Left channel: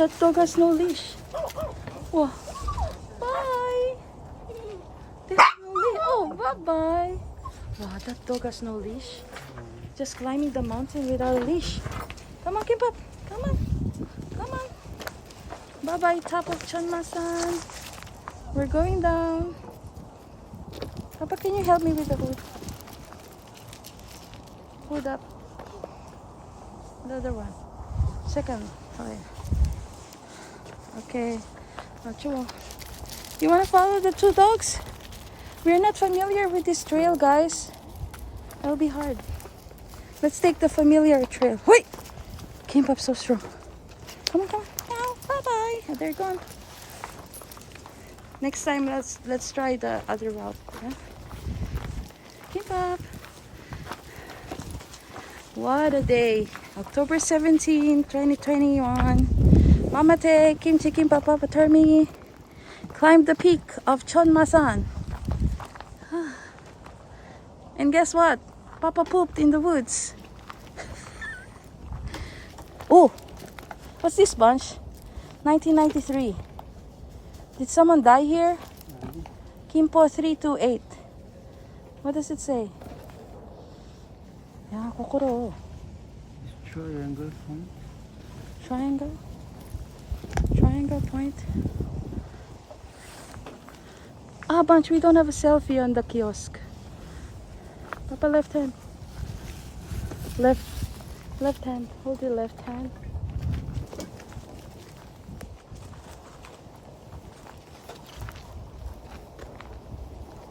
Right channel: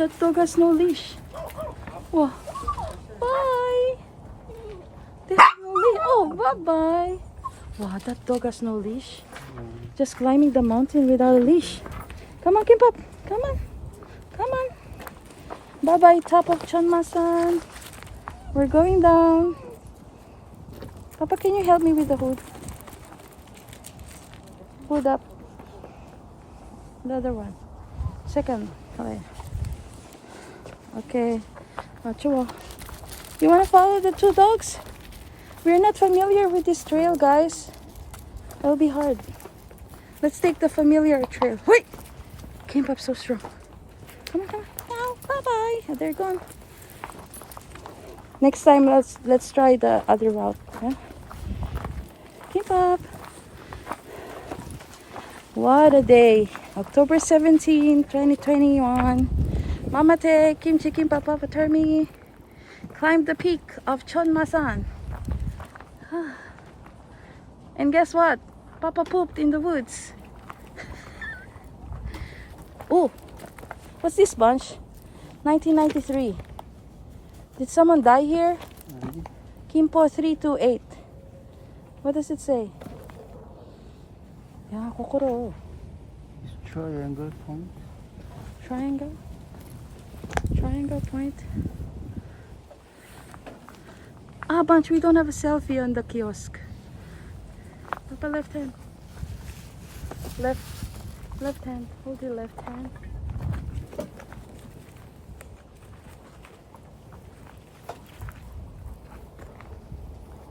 that dog has no leash. Wow. Bye. They have no leash. Oh, bye-bye. Wow, that dog has no leash. Just climbing the mountain without a leash. Come on, Kimpop. Come on. Come on. Bye-bye, top of Chonmasan. We're going down. Papa, can you help me with the hood? Hood up. The other one. Second. Okay. You want to follow the two dogs? We're not familiar with this trail, guys. It'll be hard. Let's take the familiar trail. Wait! Came up so strong. Come on, come on. Now, bye-bye. Oh, they're gone. Next time, let's try the other route. Yeah? Keep up. What a day. October 17, 2021. Mama Te, Kimchi Kim Papa Patermi climbed the peak of Chonmasan. And guess what? Papa pooped in the woods. Oh, what's this bunch? 1993. Did someone die here? Kimpo 328. What does it say? Yeah, kokoro. Triangle point. Triangle? Triangle point? Ah, bunch, we don't have a selfie on the kiosk. Papa, left hand. Left hand. Hold your left hand.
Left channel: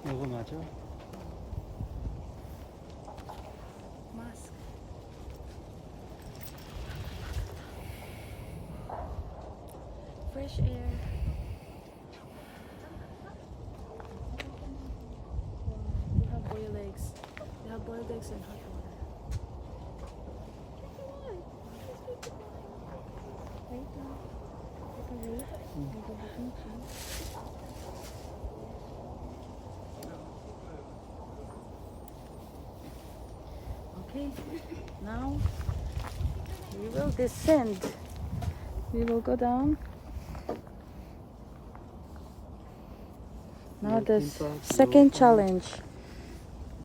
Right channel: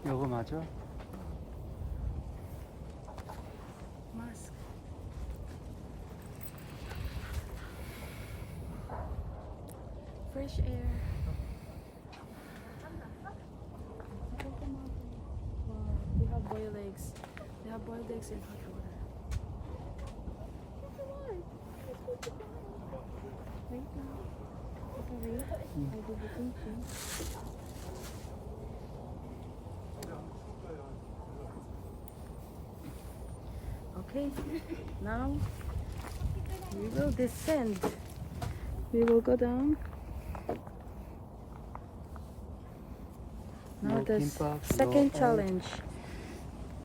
이거 맞아? Mask. Fresh air. Wow, they have boiled eggs. They have boiled eggs and hot water. Wait lang. Take a wait. I'll do the thinking. Okay, now we will descend. We will go down. Now the second challenge.